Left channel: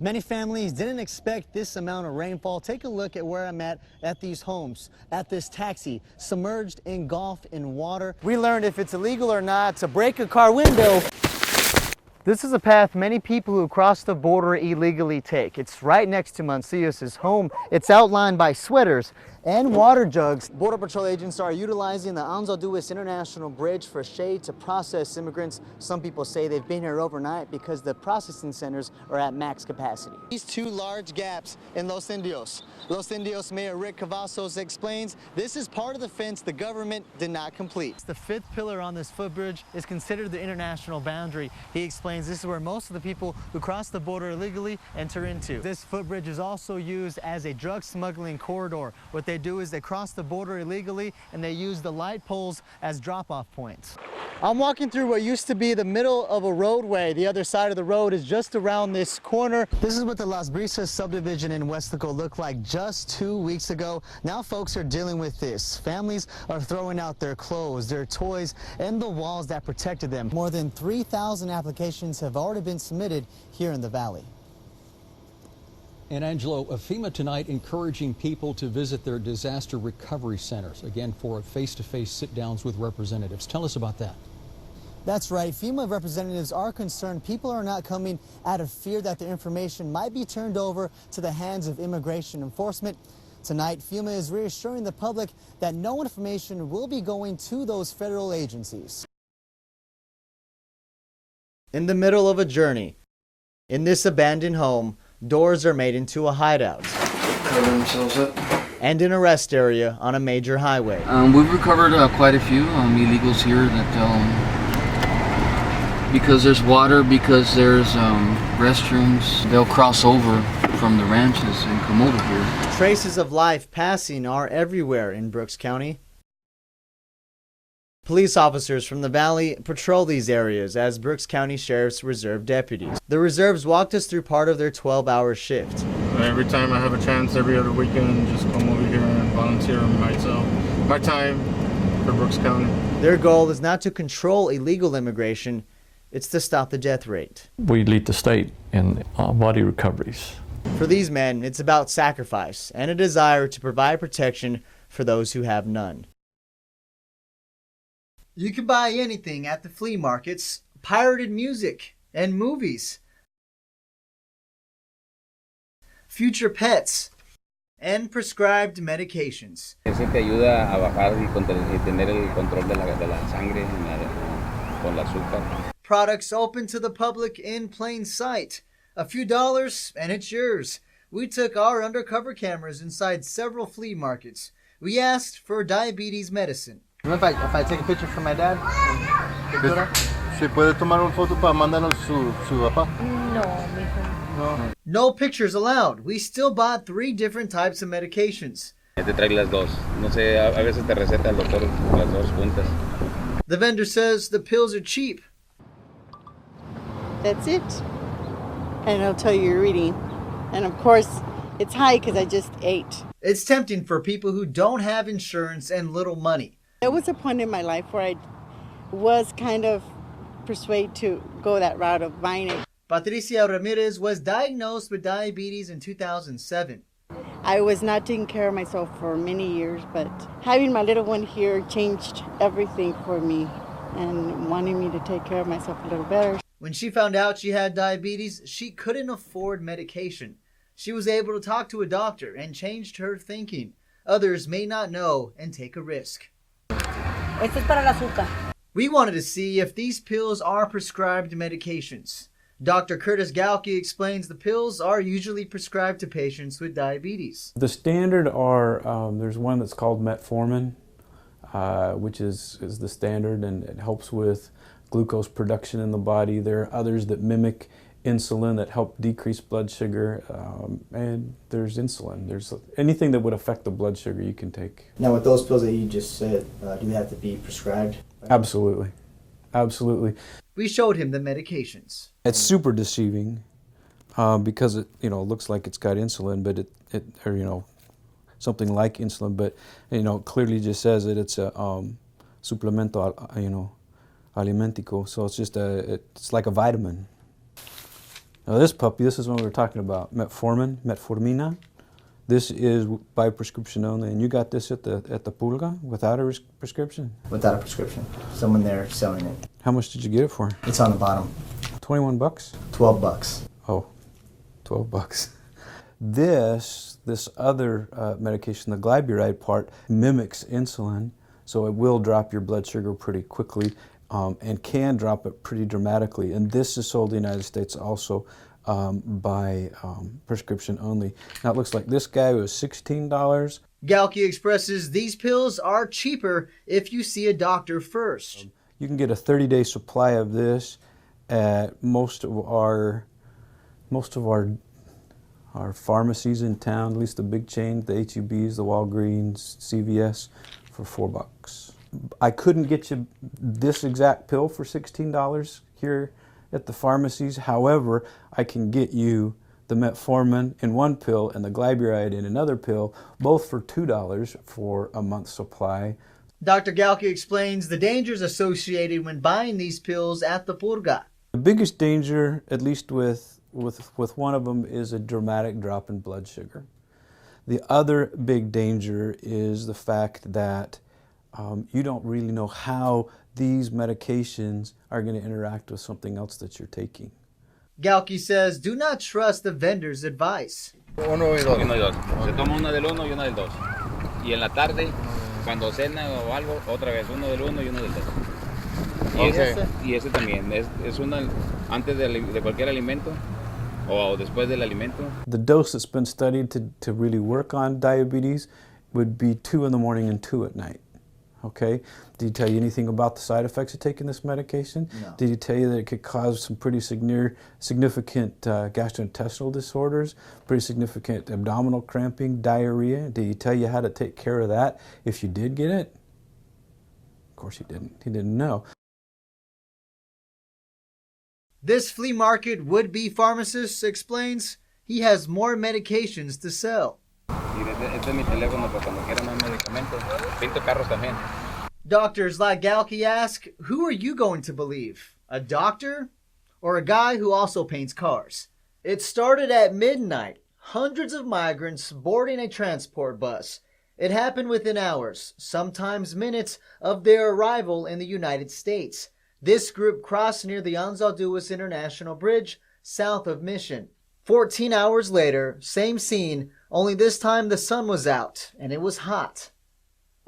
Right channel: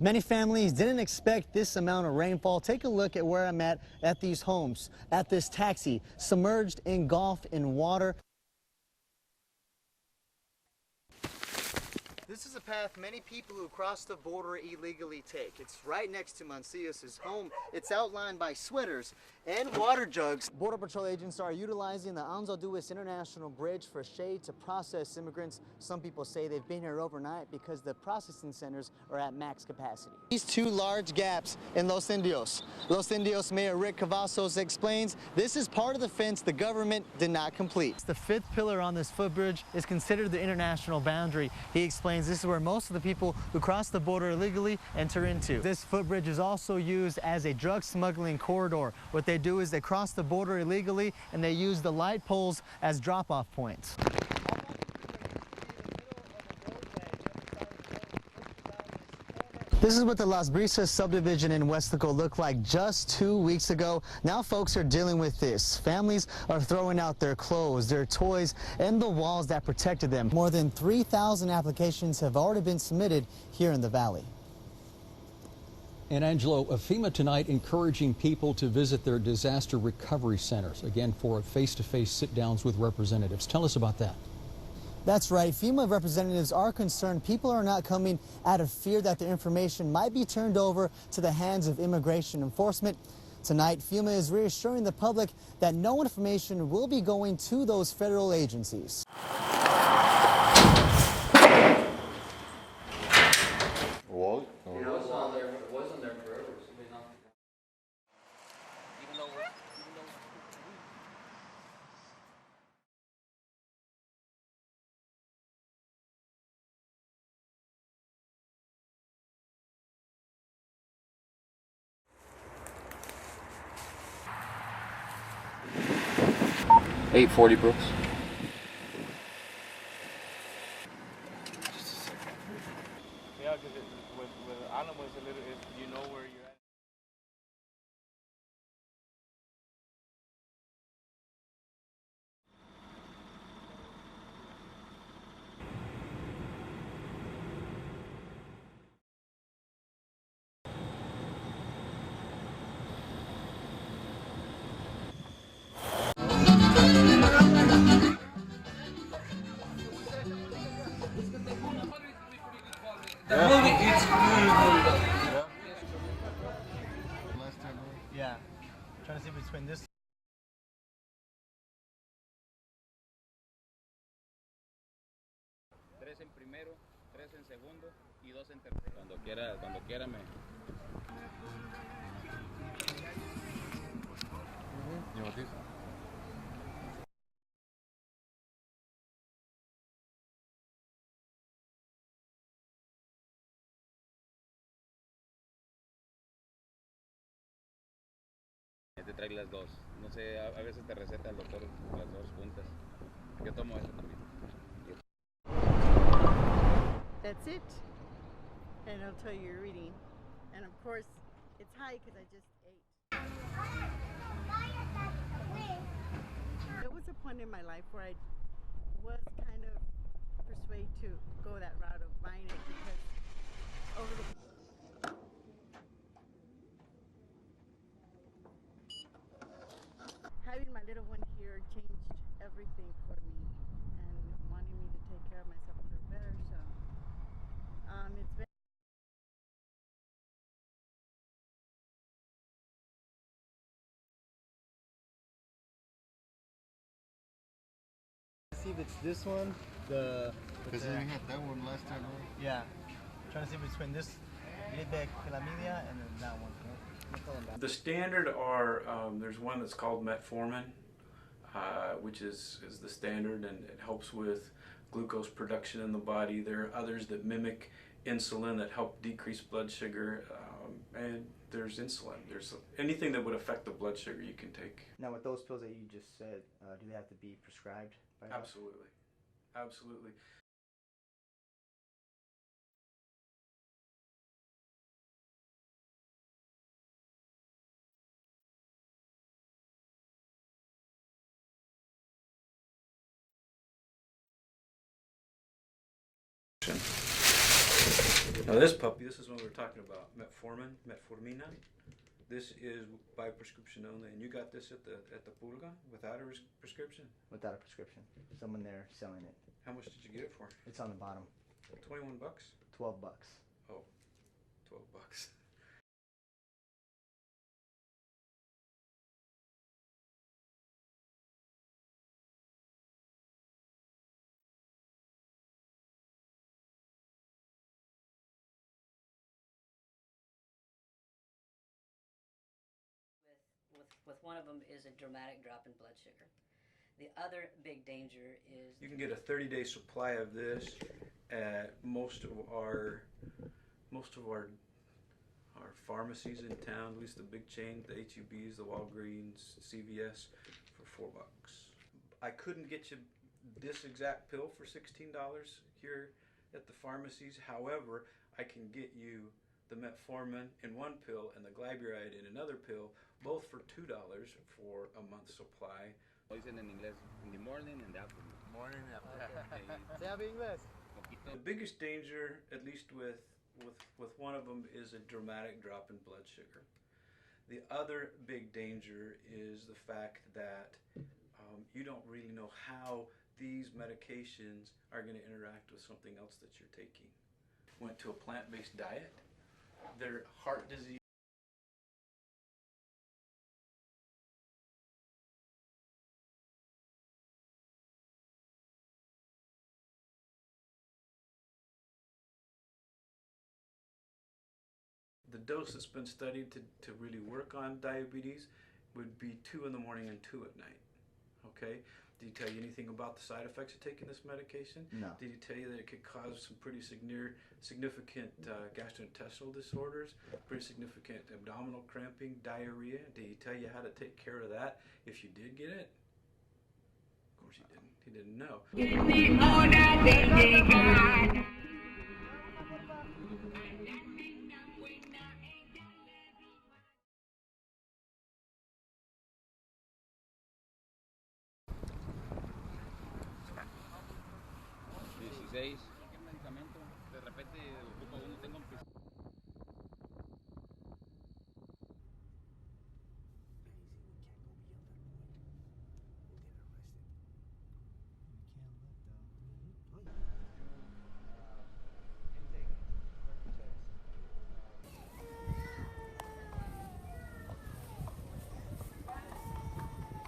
Many families didn't expect this amount of rainfall. Take a look at where I'm at these homes, at this taxi, submerged, engulfed in water. We learned if it's illegal or not to break a car window. This is a path many people who cross the border illegally take. It's right next to Mancias' home. It's outlined by sweaters and water jugs. Border Patrol agents are utilizing the Angelo International Bridge for shade to process immigrants. Some people say they've been here overnight because the processing centers are at max capacity. These two large gaps in Los Indios. Los Indios Mayor Rick Cavazos explains this is part of the fence the government did not complete. The fifth pillar on this footbridge is considered the international boundary. He explains this is where most of the people who cross the border illegally enter into. This footbridge is also used as a drug smuggling corridor. What they do is they cross the border illegally and they use the light poles as drop-off points. I'm walking through what used to be the middle of a roadway. The other side of the road is just around this corner. This is what the Las Brisas subdivision in Westico looked like just 2 weeks ago. Now folks are dealing with this. Families are throwing out their clothes, their toys, and the walls that protected them. More than 3,000 applications have already been submitted here in the valley. And Angelo, FEMA tonight encouraging people to visit their disaster recovery centers, again, for face-to-face sit-downs with representatives. Tell us about that. That's right. FEMA representatives are concerned people are not coming out of fear that their information might be turned over to the hands of immigration enforcement. Tonight, FEMA is reassuring the public that no information will be going to those federal agencies. In the middle of a journey, in this abandoned home, doors are made into a hideout. Cover themselves up. And an arrest area on a major highway. We've recovered quite a few illegals here that, because there's water, because there's restrooms, they'll cross over from the ranches and come over here. Traces of life passing are everywhere in Brooks County. 840 Brooks. Police officers from the valley patrol these areas as Brooks County Sheriff's Reserve deputies. The reserves walked us through part of their 12-hour shift. Every time I have a chance, every other weekend, just come over here and volunteer my time for Brooks County. Their goal is not to control illegal immigration, it's to stop the death rate. We lead the state in body recoveries. For these men, it's about sacrifice and a desire to provide protection for those who have none. You can buy anything at the flea markets, pirated music, and movies. Future pets, and prescribed medications. Ese te ayuda a bajar y tener el control de la sangre con el azúcar. Products open to the public in plain sight. A few dollars and it's yours. We took our undercover cameras inside several flea markets. We asked for diabetes medicine. If I take a picture for my dad? ¿Se puede tomar una foto para mandarnos su papá? No. No pictures allowed. We still bought 3 different types of medications. Te trae las dos. No sé, a veces te receta el doctor las dos juntas. The vendor says the pills are cheap. That's it. And it'll tell you your reading. And of course, it's high because I just ate. It's tempting for people who don't have insurance and little money. There was a point in my life where I was kind of persuaded to go that route of buying it. Patricia Ramirez was diagnosed with diabetes in 2007. I was not taking care of myself for many years, but having my little one here changed everything for me and wanting me to take care of myself a little better. When she found out she had diabetes, she couldn't afford medication. She was able to talk to a doctor and changed her thinking. Others may not know and take a risk. Esto es para el azúcar. We wanted to see if these pills are prescribed medications. Dr. Curtis Galke explains the pills are usually prescribed to patients with diabetes. The standard are, there's one that's called metformin, which is the standard, and it helps with glucose production in the body. There are others that mimic insulin that help decrease blood sugar, and there's insulin. There's anything that would affect the blood sugar you can take. Now with those pills that you just said, do they have to be prescribed? Absolutely. Absolutely. We showed him the medications. It's super deceiving because it looks like it's got insulin, but or something like insulin, but it clearly just says that it's a suplemento alimentico, so it's just it's like a vitamin. Now this puppy, this is what we were talking about, metformina. This is by prescription only, and you got this at the Pulga without a prescription? Without a prescription. Someone there selling it. How much did you get it for? It's on the bottom. 21 bucks? 12 bucks. Oh, 12 bucks. This other medication, the glyburide part, mimics insulin, so it will drop your blood sugar pretty quickly and can drop it pretty dramatically. And this is sold in the United States also by prescription only. Now it looks like this guy was $16. Galki expresses these pills are cheaper if you see a doctor first. You can get a 30-day supply of this at most of our pharmacies in town, at least the big chains, the HEBs, the Walgreens, CVS, for $4. I couldn't get you this exact pill for $16 here at the pharmacies. However, I can get you the metformin in one pill and the glyburide in another pill, both for $2 for a month's supply. Dr. Galki explains the dangers associated when buying these pills at the Purga. The biggest danger, at least with one of them, is a dramatic drop in blood sugar. The other big danger is the fact that you don't really know how these medications are going to interact with something else that you're taking. Galki says do not trust the vendor's advice. Uno y dos. Se toma una del uno y una del dos. Y en la tarde, cuando cena o algo, otra vez uno del uno y uno del dos. Y ese también es una antes de cualquier alimento o después del alimento. The dose that's been studied to really work on diabetes would be 2 in the morning and 2 at night. Okay? Did he tell you anything about the side effects of taking this medication? No. Did he tell you that it could cause some pretty significant gastrointestinal disorders, pretty significant abdominal cramping, diarrhea? Did he tell you how to take care of that if you did get it? Of course he didn't. He didn't know. This flea market would-be pharmacist explains he has more medications to sell. Este es mi teléfono para cuando quiera más medicamentos. Pinto carros también. Doctors like Galki ask, who are you going to believe? A doctor or a guy who also paints cars? It started at midnight. Hundreds of migrants boarding a transport bus. It happened within hours, sometimes minutes, of their arrival in the United States. This group crossed near the Anzalduas International Bridge, south of Mission. 14 hours later, same scene, only this time the sun was out and it was hot.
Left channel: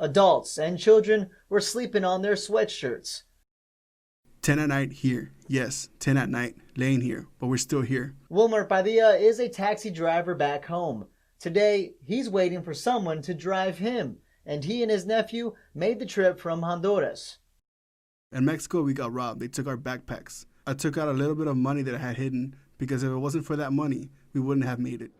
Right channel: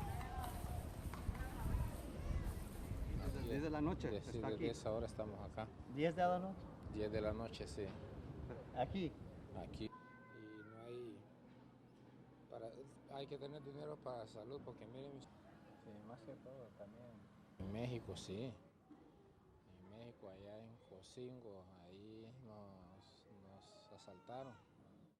Adults and children were sleeping on their sweatshirts. 10 at night here. Yes, 10 at night, laying here, but we're still here. Wilmer Padilla is a taxi driver back home. Today, he's waiting for someone to drive him, and he and his nephew made the trip from Honduras. In Mexico, we got robbed. They took our backpacks. I took out a little bit of money that I had hidden, because if it wasn't for that money, we wouldn't have made it.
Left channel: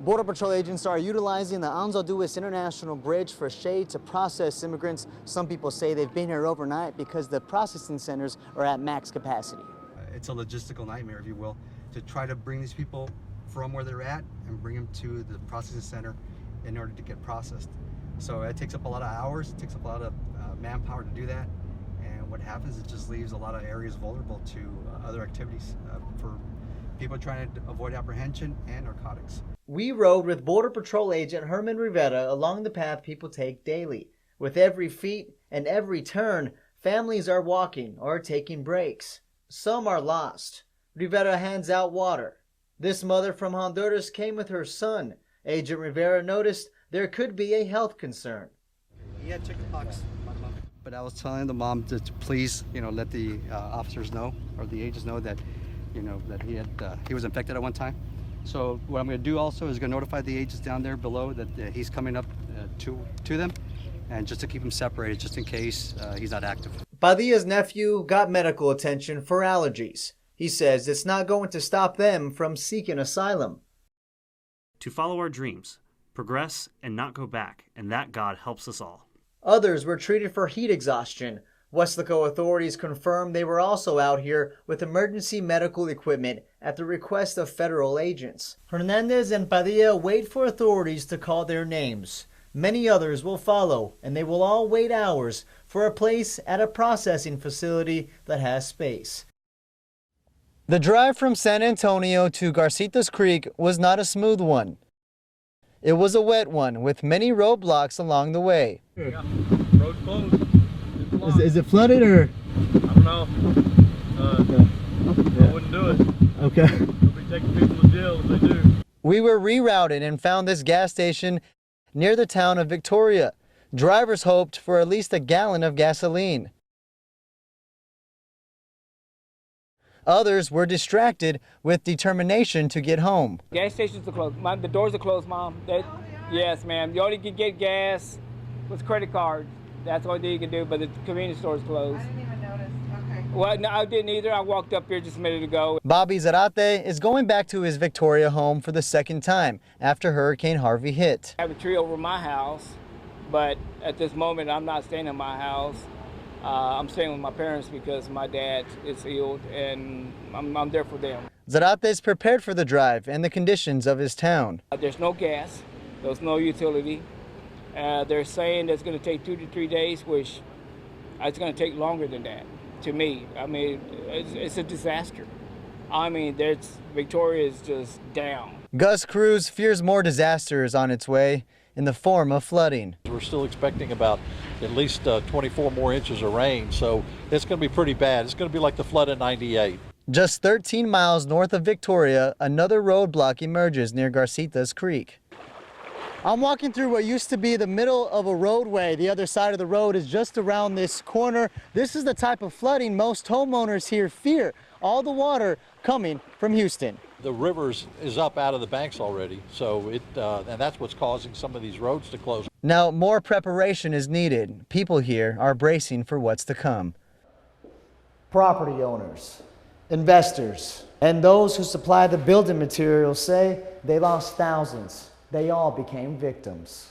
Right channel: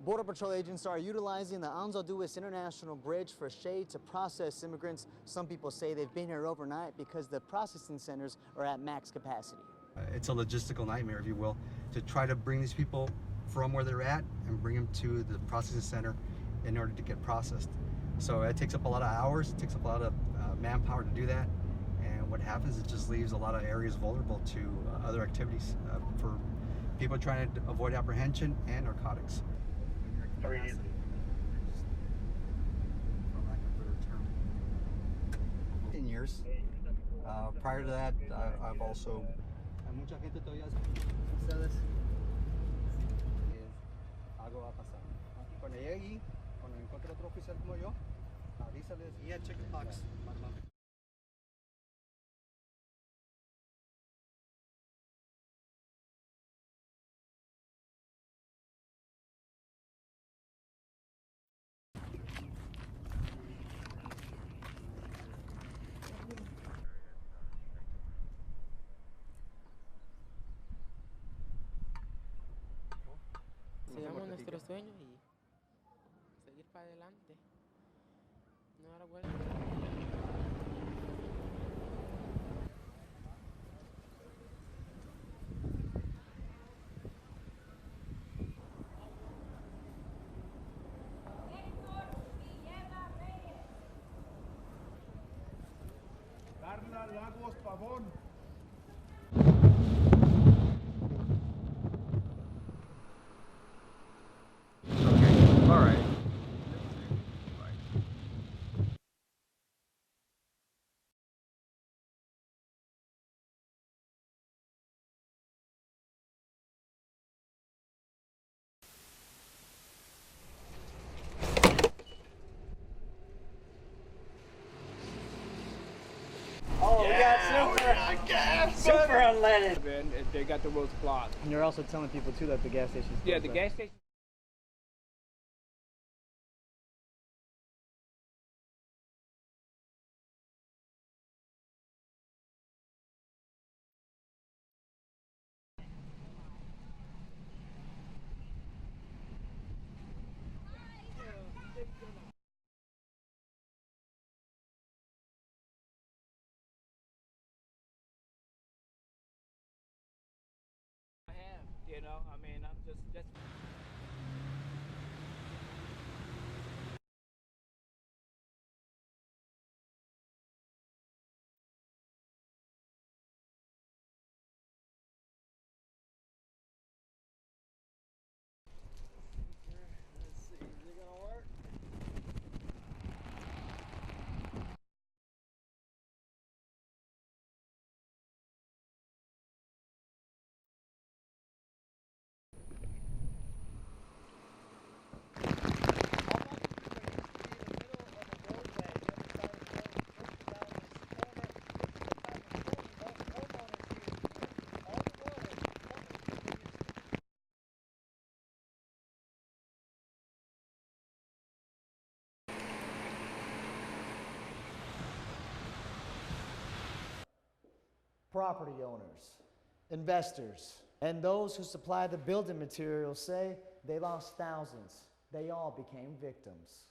Border Patrol agents are utilizing the Anzalduas International Bridge for shade to process immigrants. Some people say they've been here overnight because the processing centers are at max capacity. It's a logistical nightmare, if you will, to try to bring these people from where they're at and bring them to the processing center in order to get processed. So it takes up a lot of hours, it takes up a lot of manpower to do that. And what happens, it just leaves a lot of areas vulnerable to other activities for people trying to avoid apprehension and narcotics. We rode with Border Patrol agent Herman Rivera along the path people take daily. With every feet and every turn, families are walking or taking breaks. Some are lost. Rivera hands out water. This mother from Honduras came with her son. Agent Rivera noticed there could be a health concern. He had chickenpox, but I was telling the mom to please, let the officers know, or the agents know that, that he was infected at one time. So what I'm going to do also is going to notify the agents down there below that he's coming up to them, and just to keep him separated, just in case he's not active. Padilla's nephew got medical attention for allergies. He says it's not going to stop them from seeking asylum. To follow our dreams, progress, and not go back, and that God helps us all. Others were treated for heat exhaustion. Weslaco authorities confirmed they were also out here with emergency medical equipment at the request of federal agents. Hernandez and Padilla wait for authorities to call their names. Many others will follow, and they will all wait hours for a place at a processing facility that has space. The drive from San Antonio to Garcitas Creek was not a smooth one. It was a wet one with many roadblocks along the way. Yeah, road's closed. Is it flooded or? I don't know. I wouldn't do it. Okay. They'll be taking people to jail if they do. We were rerouted and found this gas station near the town of Victoria. Drivers hoped for at least a gallon of gasoline. Oh, we got super unleaded. Others were distracted with determination to get home. Yeah, the gas stations are closed. The doors are closed, Mom. Yes, ma'am. You only can get gas with credit cards. That's the only thing you can do, but the convenience store is closed. I didn't even notice. Okay. Well, no, I didn't either. I walked up here just a minute ago. Bobby Zarate is going back to his Victoria home for the second time after Hurricane Harvey hit. I have a tree over my house, but at this moment, I'm not staying in my house. I'm staying with my parents because my dad is ill, and I'm there for them. Zarate is prepared for the drive and the conditions of his town. There's no gas. There's no utility. They're saying it's going to take 2 to 3 days, which it's going to take longer than that. To me, I mean, it's a disaster. I mean, Victoria is just down. Gus Cruz fears more disasters on its way in the form of flooding. We're still expecting about at least 24 more inches of rain, so it's going to be pretty bad. It's going to be like the flood in '98. Just 13 miles north of Victoria, another roadblock emerges near Garcitas Creek. I'm walking through what used to be the middle of a roadway. The other side of the road is just around this corner. This is the type of flooding most homeowners here fear. All the water coming from Houston. The river is up out of the banks already, so and that's what's causing some of these roads to close. Now, more preparation is needed. People here are bracing for what's to come. Property owners, investors, and those who supply the building materials say they lost thousands. They all became victims.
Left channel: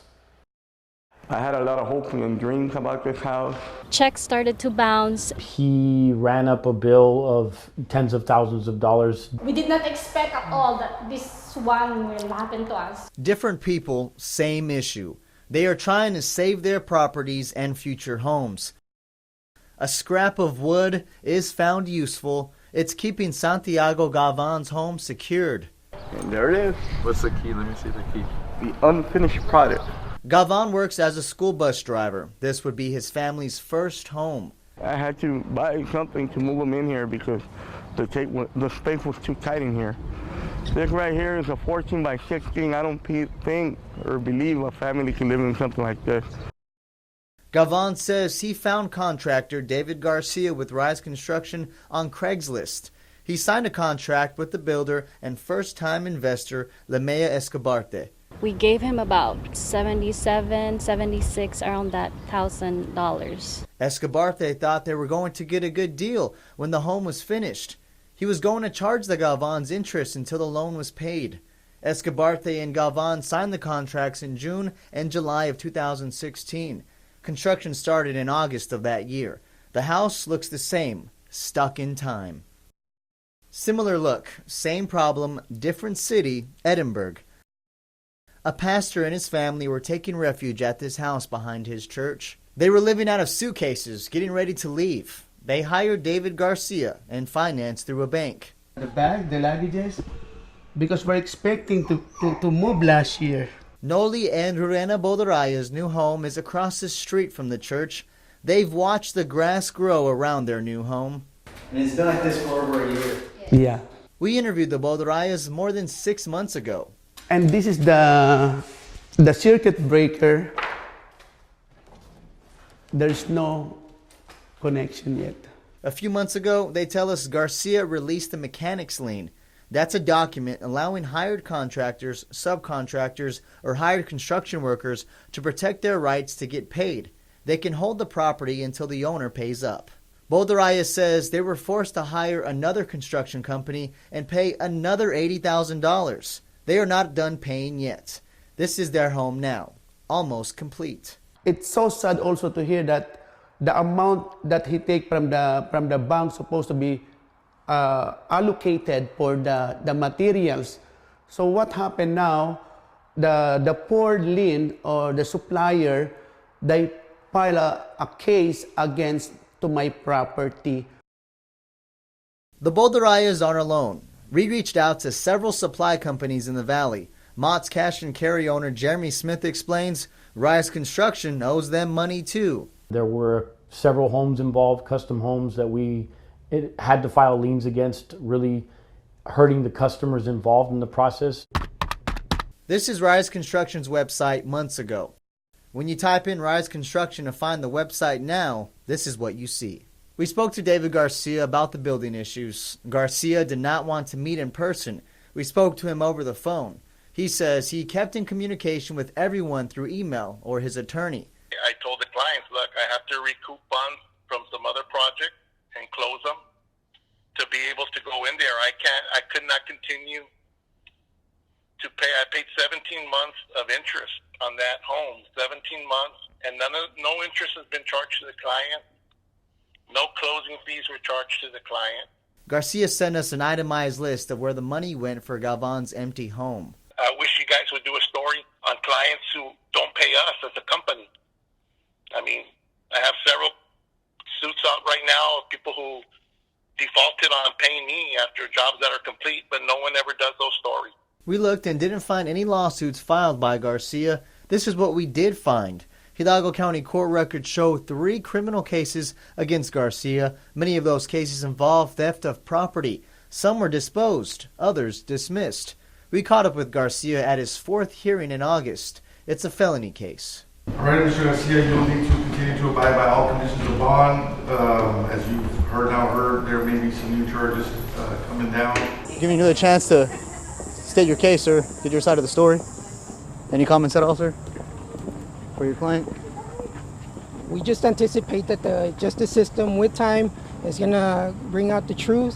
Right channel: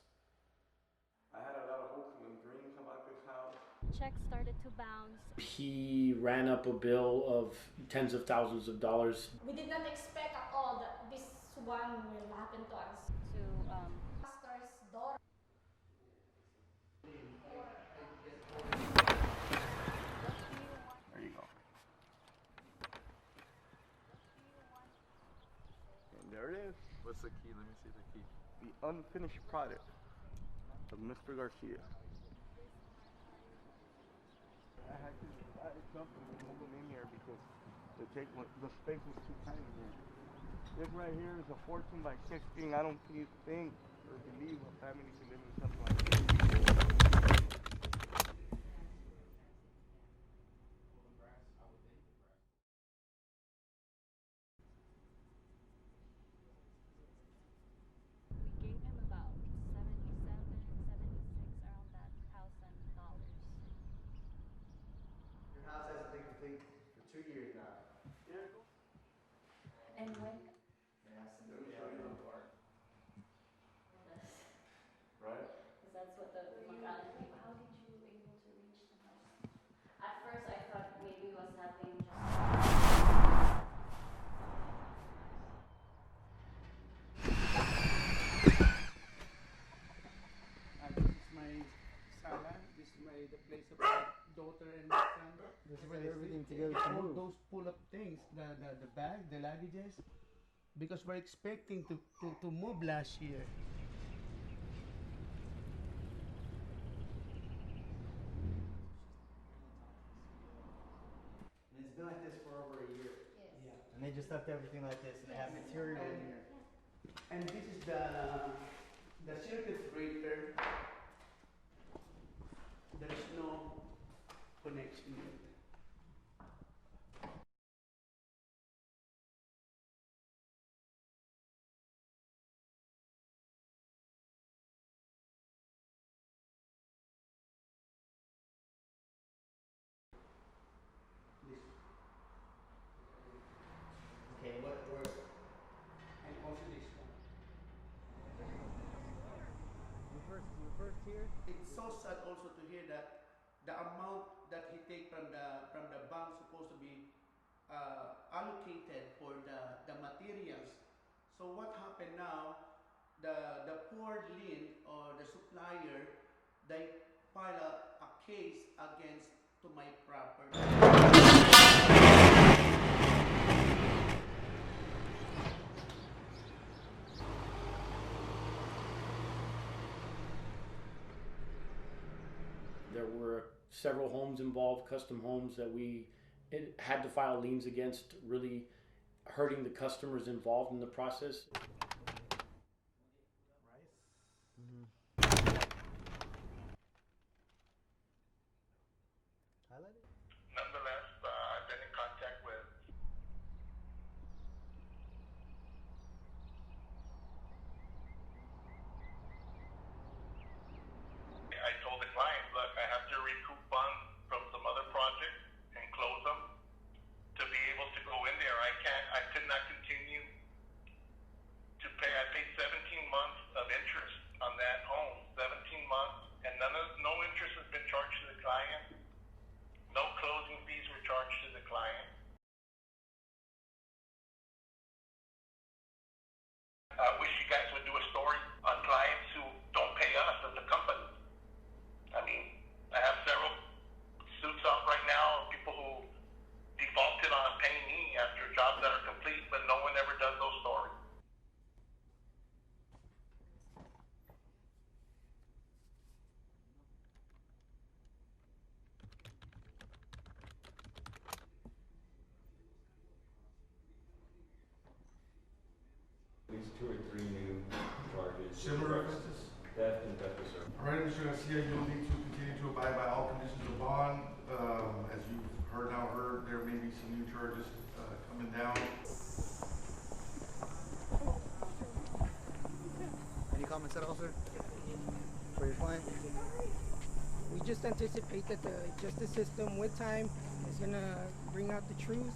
I had a lot of hope and dreams about this house. Checks started to bounce. He ran up a bill of tens of thousands of dollars. We did not expect at all that this one will happen to us. Different people, same issue. They are trying to save their properties and future homes. A scrap of wood is found useful. It's keeping Santiago Gavan's home secured. And there it is. What's the key? Let me see the key. The unfinished product. Gavan works as a school bus driver. This would be his family's first home. I had to buy something to move them in here because the space was too tight in here. This right here is a 14 by 16. I don't think or believe a family can live in something like this. Gavan says he found contractor David Garcia with Rise Construction on Craigslist. He signed a contract with the builder and first-time investor Lemea Escobarte. We gave him about $77, $76, around that $1,000. Escobarte thought they were going to get a good deal when the home was finished. He was going to charge the Galvans interest until the loan was paid. Escobarte and Galvan signed the contracts in June and July of 2016. Construction started in August of that year. The house looks the same, stuck in time. Similar look, same problem, different city, Edinburgh. A pastor and his family were taking refuge at this house behind his church. They were living out of suitcases, getting ready to leave. They hired David Garcia and financed through a bank. The bag, the luggages, because we're expecting to move last year. Noli and Rurena Bodoraya's new home is across the street from the church. They've watched the grass grow around their new home. And it's been like this for over a year. Yeah. We interviewed the Bodorayas more than 6 months ago. And this is the circuit breaker. There's no connection yet. A few months ago, they tell us Garcia released the mechanics lien. That's a document allowing hired contractors, subcontractors, or hired construction workers to protect their rights to get paid. They can hold the property until the owner pays up. Bodoraya says they were forced to hire another construction company and pay another $80,000. They are not done paying yet. This is their home now, almost complete. It's so sad also to hear that the amount that he take from the bank supposed to be allocated for the materials. So what happened now? The poor lien or the supplier, they file a case against to my property. The Bolderayas aren't alone. We reached out to several supply companies in the valley. Mott's Cash and Carry owner Jeremy Smith explains Rise Construction owes them money too. There were several homes involved, custom homes that we had to file liens against, really hurting the customers involved in the process. This is Rise Construction's website months ago. When you type in Rise Construction to find the website now, this is what you see. We spoke to David Garcia about the building issues. Garcia did not want to meet in person. We spoke to him over the phone. He says he kept in communication with everyone through email or his attorney. I told the clients, look, I have to recoup funds from some other project and close them to be able to go in there. I could not continue to pay. I paid 17 months of interest on that home, 17 months, and no interest has been charged to the client. No closing fees were charged to the client. Garcia sent us an itemized list of where the money went for Galvan's empty home. I wish you guys would do a story on clients who don't pay us as a company. I mean, I have several suits out right now of people who defaulted on paying me after jobs that are complete, but no one ever does those stories. We looked and didn't find any lawsuits filed by Garcia. This is what we did find. Hidalgo County court records show 3 criminal cases against Garcia. Many of those cases involve theft of property. Some were disposed, others dismissed. We caught up with Garcia at his 4th hearing in August. It's a felony case. All right, Mr. Garcia, you'll need to continue to abide by all conditions of bond. As you've heard, there may be some new charges coming down. Giving you another chance to state your case, sir. Get your side of the story. Any comments at all, sir, for your client? We just anticipate that the justice system with time is going to bring out the truth.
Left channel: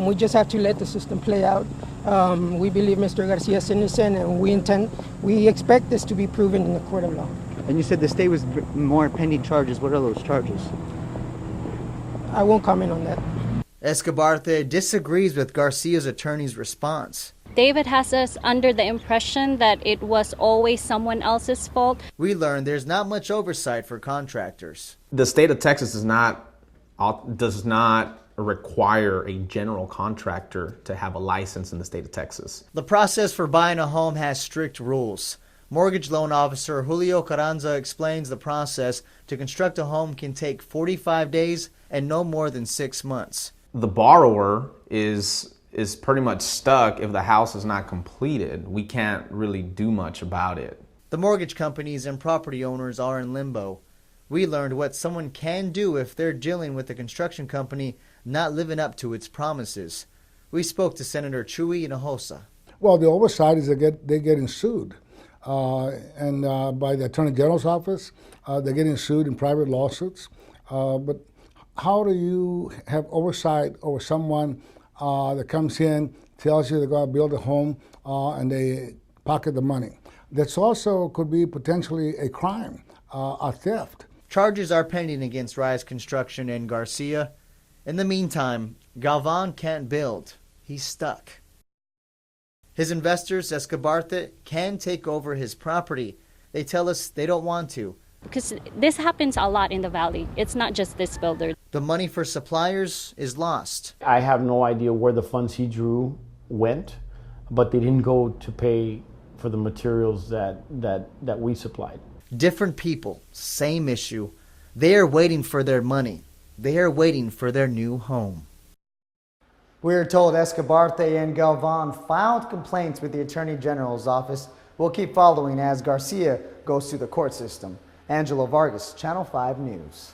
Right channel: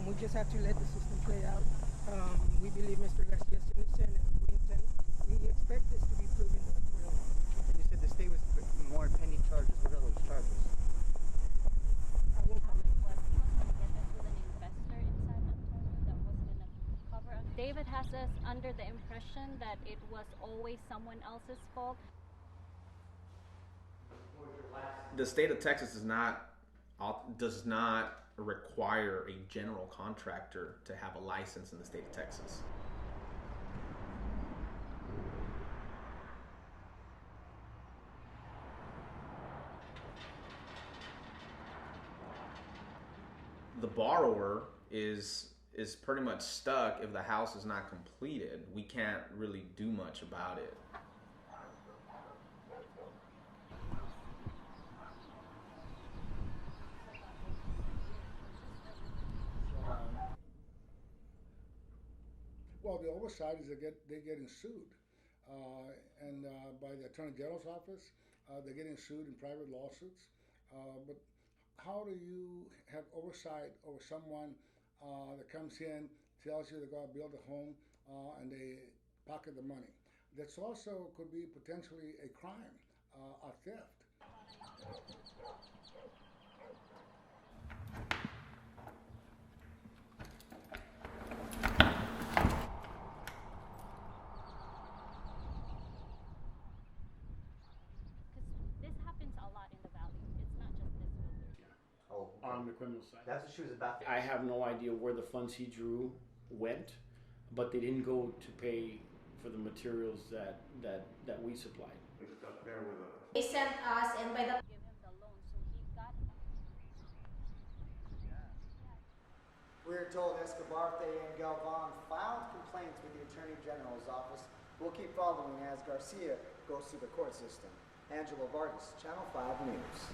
We just have to let the system play out. We believe Mr. Garcia is innocent, and we expect this to be proven in the court of law. And you said the state was more pending charges. What are those charges? I won't comment on that. Escobarte disagrees with Garcia's attorney's response. David has us under the impression that it was always someone else's fault. We learned there's not much oversight for contractors. The state of Texas does not require a general contractor to have a license in the state of Texas. The process for buying a home has strict rules. Mortgage loan officer Julio Carranza explains the process. To construct a home can take 45 days and no more than 6 months. The borrower is pretty much stuck if the house is not completed. We can't really do much about it. The mortgage companies and property owners are in limbo. We learned what someone can do if they're dealing with a construction company not living up to its promises. We spoke to Senator Chuy Hinojosa. Well, the oversight is they're getting sued. And by the Attorney General's office, they're getting sued in private lawsuits. But how do you have oversight over someone that comes in, tells you they're going to build a home, and they pocket the money? That's also could be potentially a crime, a theft. Charges are pending against Rise Construction and Garcia. In the meantime, Galvan can't build. He's stuck. His investors, Escobarte, can take over his property. They tell us they don't want to. Because this happens a lot in the valley. It's not just this builder. The money for suppliers is lost. I have no idea where the funds he drew went, but they didn't go to pay for the materials that we supplied. Different people, same issue. They are waiting for their money. They are waiting for their new home. We're told Escobarte and Galvan filed complaints with the Attorney General's office. We'll keep following as Garcia goes through the court system. Angelo Vargas, Channel 5 News.